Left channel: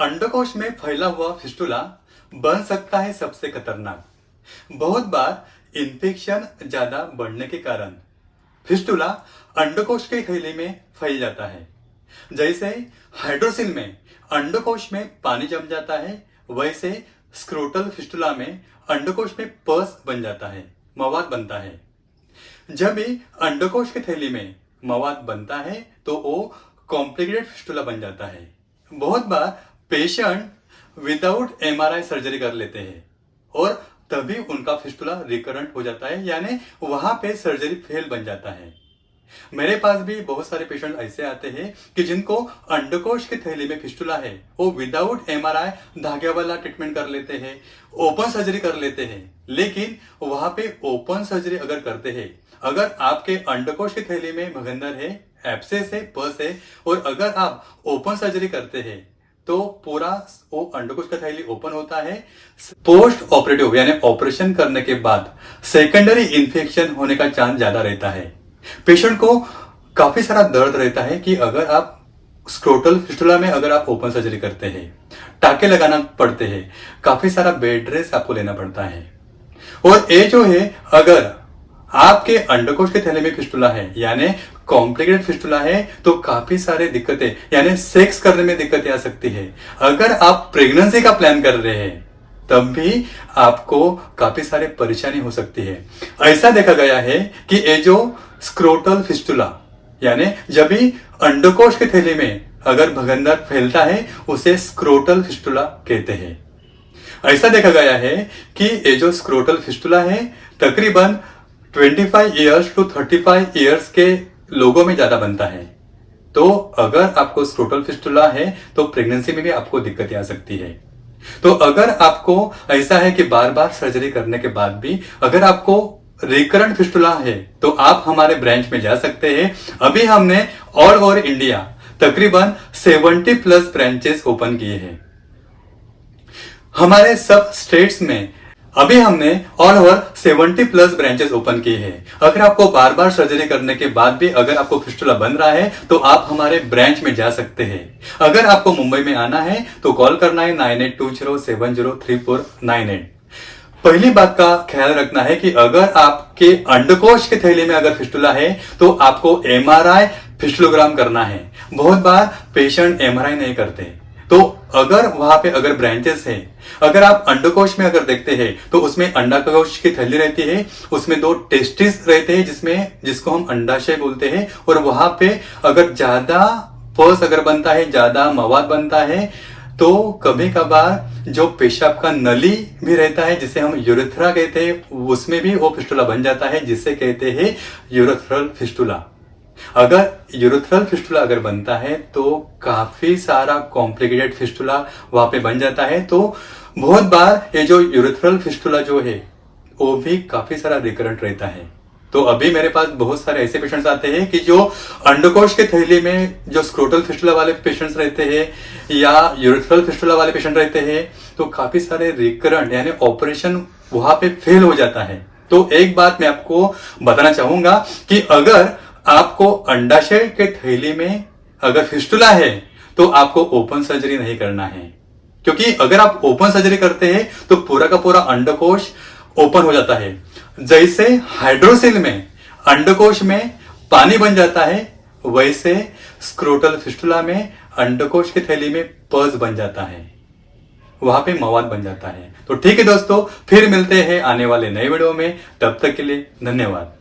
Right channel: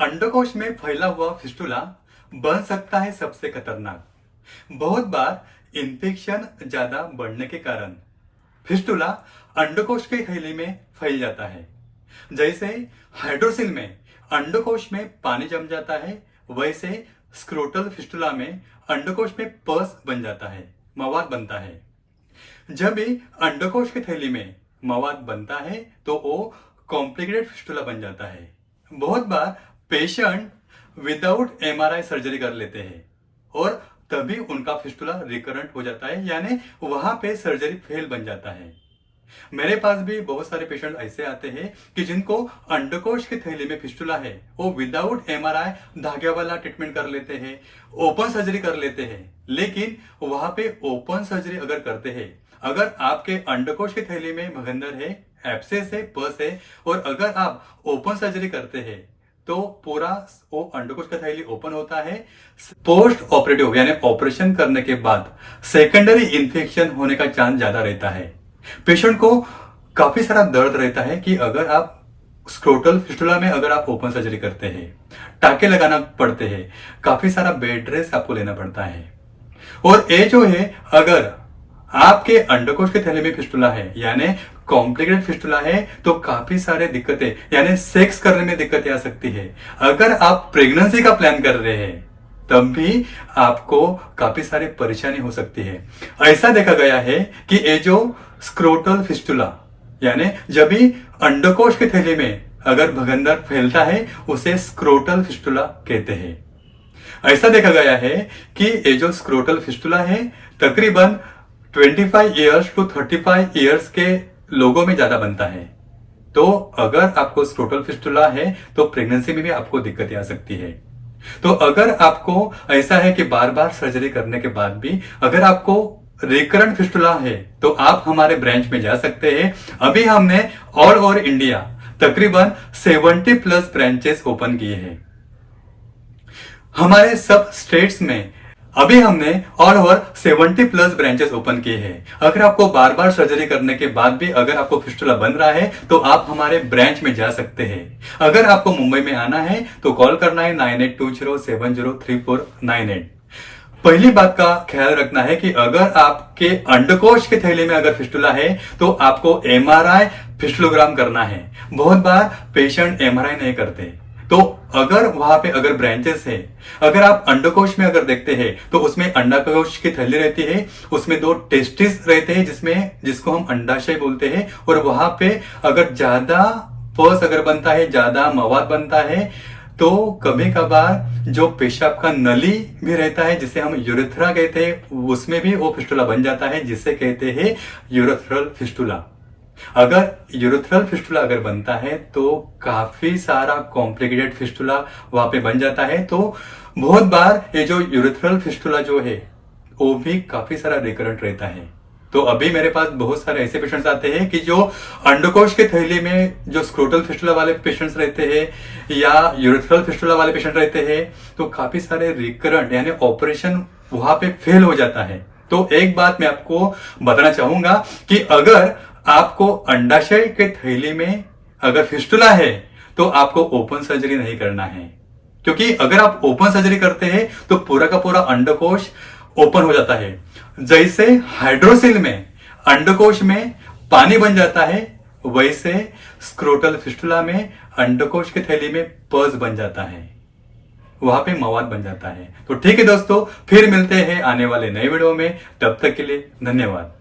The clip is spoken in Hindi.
अंडकोश में फैला हुआ फिस्टुला बन सकता है सबसे खतरनाक। बहुत बार इन्फेक्शन ज्यादा बढ़ने के कारण फिस्टुला अंडकोश के थैली में फैल जाता है। जैसे हाइड्रोसिल में अंडकोश में पानी जम जाता है, वैसे स्क्रोटल फिस्टुला में अंडकोश में पस बन जाता है, मवाद बनता है। जब भी अंडकोश की थैली में मवाद बनता है तो वो कॉम्प्लिकेटेड फिस्टुला बन जाता है। बहुत बार पेशेंट विदाउट एमआरआई सर्जरी कर लेते हैं और तभी उनका फिस्टुला रिकरेंट हो जाता है, यानी वहां पे सर्जरी फेल बन जाता है। मेरे पास भी बहुत सारे पेशेंट ऐसे आते हैं कि जिनको अंडकोश की थैली में फिस्टुला है, वो विदाउट एमआरआई धागे वाला ट्रीटमेंट कर लेते हैं, ओपन सर्जरी कर लेते हैं। लेकिन वहां पे ओपन सर्जरी अगर करते हैं, अगर आपके अंडकोश की थैली में भगंदर है, एब्सेस है, पस है, और अगर आप ओपन सर्जरी करते हैं तो पूरा वो अंडकोश का थैली ओपन होता है। पोस्ट ऑपरेटिव यानी ऑपरेशन करने के बाद सेकेंडरी इंफेक्शन होने का चांस ज्यादा रहता है। पेशेंट को काफी सारा दर्द रहता है कि अगर आप स्क्रोटल फिस्टुला में अगर आप ओपन सर्जरी करते हैं, टाके लगाना पड़ते हैं, काफी सारा बेड रेस्ट आपको लेना पड़ता है। और ये जो है, अगर आपके अंडकोश के थैले में फिस्टुला है यानी कॉम्प्लिकेटेड फिस्टुला है, तो काफी सारे दिक्कतें यानी सेक्स करने में दिक्कतें आ सकती है। अगर आप प्रेगनेंसी का प्लान कर रहे हैं तब भी आपको काफी सारे परेशानी हो सकती है। ऐसा देखा गया है कि ये जो स्क्रोटल फिस्टुला यानी जब भी अंडकोश के थैले में अगर भगंदर फैलता है, उसे स्क्रोटल फिस्टुला कहते हैं। ऐसा देखा गया है कि ये जो स्क्रोटल फिस्टुला है तकरीबन 25 ईयर्स टू 35 ईयर्स के लोगों में ज्यादा बनता है। तो अगर आपको स्क्रोटल फिस्टुला है तो प्रेगनेंसी में भी आपको दिक्कतें आ सकती है। तो अगर आपको ऐसा है कि बार बार सर्जरी करने के बाद भी अगर आपको रिकरेंट फिस्टुला है तो आप हमारे ब्रांच में जा सकते हैं। अभी हमने ऑल ओवर इंडिया तकरीबन 70+ ब्रांचेस ओपन किए हैं। हमारे सब स्टेट्स में अभी हमने ऑल ओवर 70+ ब्रांचेस ओपन किए हैं। अगर आपको बार बार सर्जरी करने के बाद भी अगर आपको फिस्टुला बन रहा है तो आप हमारे ब्रांच में जा सकते हैं। अगर आपको मुंबई में आना है तो कॉल करना है 9820703498। पहली बात का ख्याल रखना है कि अगर आपके अंडकोश के थैले में अगर फिस्टुला है तो आपको एमआरआई फिस्टुलोग्राम करना है। बहुत बार पेशेंट एमआरआई नहीं करते, तो अगर वहां पे अगर ब्रांचेस है, अगर आप अंडकोश में अगर देखते हैं तो उसमें अंडाकोश की थैली रहती है, उसमें 2 टेस्टिस रहते हैं जिसको हम अंडाशय बोलते हैं। और वहां पे अगर ज्यादा पस अगर बनता है, ज्यादा मवाद बनता है, तो कभी कभार जो पेशाब का नली भी रहता है जिसे हम यूरेथ्रा कहते हैं, उसमें भी वो फिस्टुला बन जाता है, जिसे कहते हैं यूरेथ्रल फिस्टुला। अगर यूरेथ्रल फिस्टुला अगर बनता है तो काफी सारा कॉम्प्लिकेटेड फिस्टुला वहां पे बन जाता है। तो बहुत बार ये जो यूरेथ्रल फिस्टुला जो है वो भी काफी सारा रिकरेंट रहता है। तो अभी मेरे पास बहुत सारे ऐसे पेशेंट्स आते हैं कि जो अंडकोश के थैली में जो स्क्रोटल फिस्टुला वाले पेशेंट्स रहते हैं या यूरेथ्रल फिस्टुला वाले पेशेंट रहते हैं, तो काफी सारे रिकरेंट यानी ऑपरेशन वहां पे फेल हो जाता है। तो एक बात मैं आपको बताना चाहूंगा कि अगर आपको अंडाशय के थैली में अगर फिस्टुला है तो आपको ओपन सर्जरी नहीं करना है, क्योंकि अगर आप ओपन सर्जरी करते हैं तो पूरा का पूरा अंडकोश ओपन हो जाता है। जैसे हाइड्रोसिल में अंडकोश में पानी बन जाता है, वैसे स्क्रोटल फिस्टुला में अंडकोश की थैली में पस बन जाता है, वहां पे मवाद बन जाता है। तो ठीक है दोस्तों, फिर मिलते हैं आने वाले नए वीडियो में। तब तक के लिए धन्यवाद।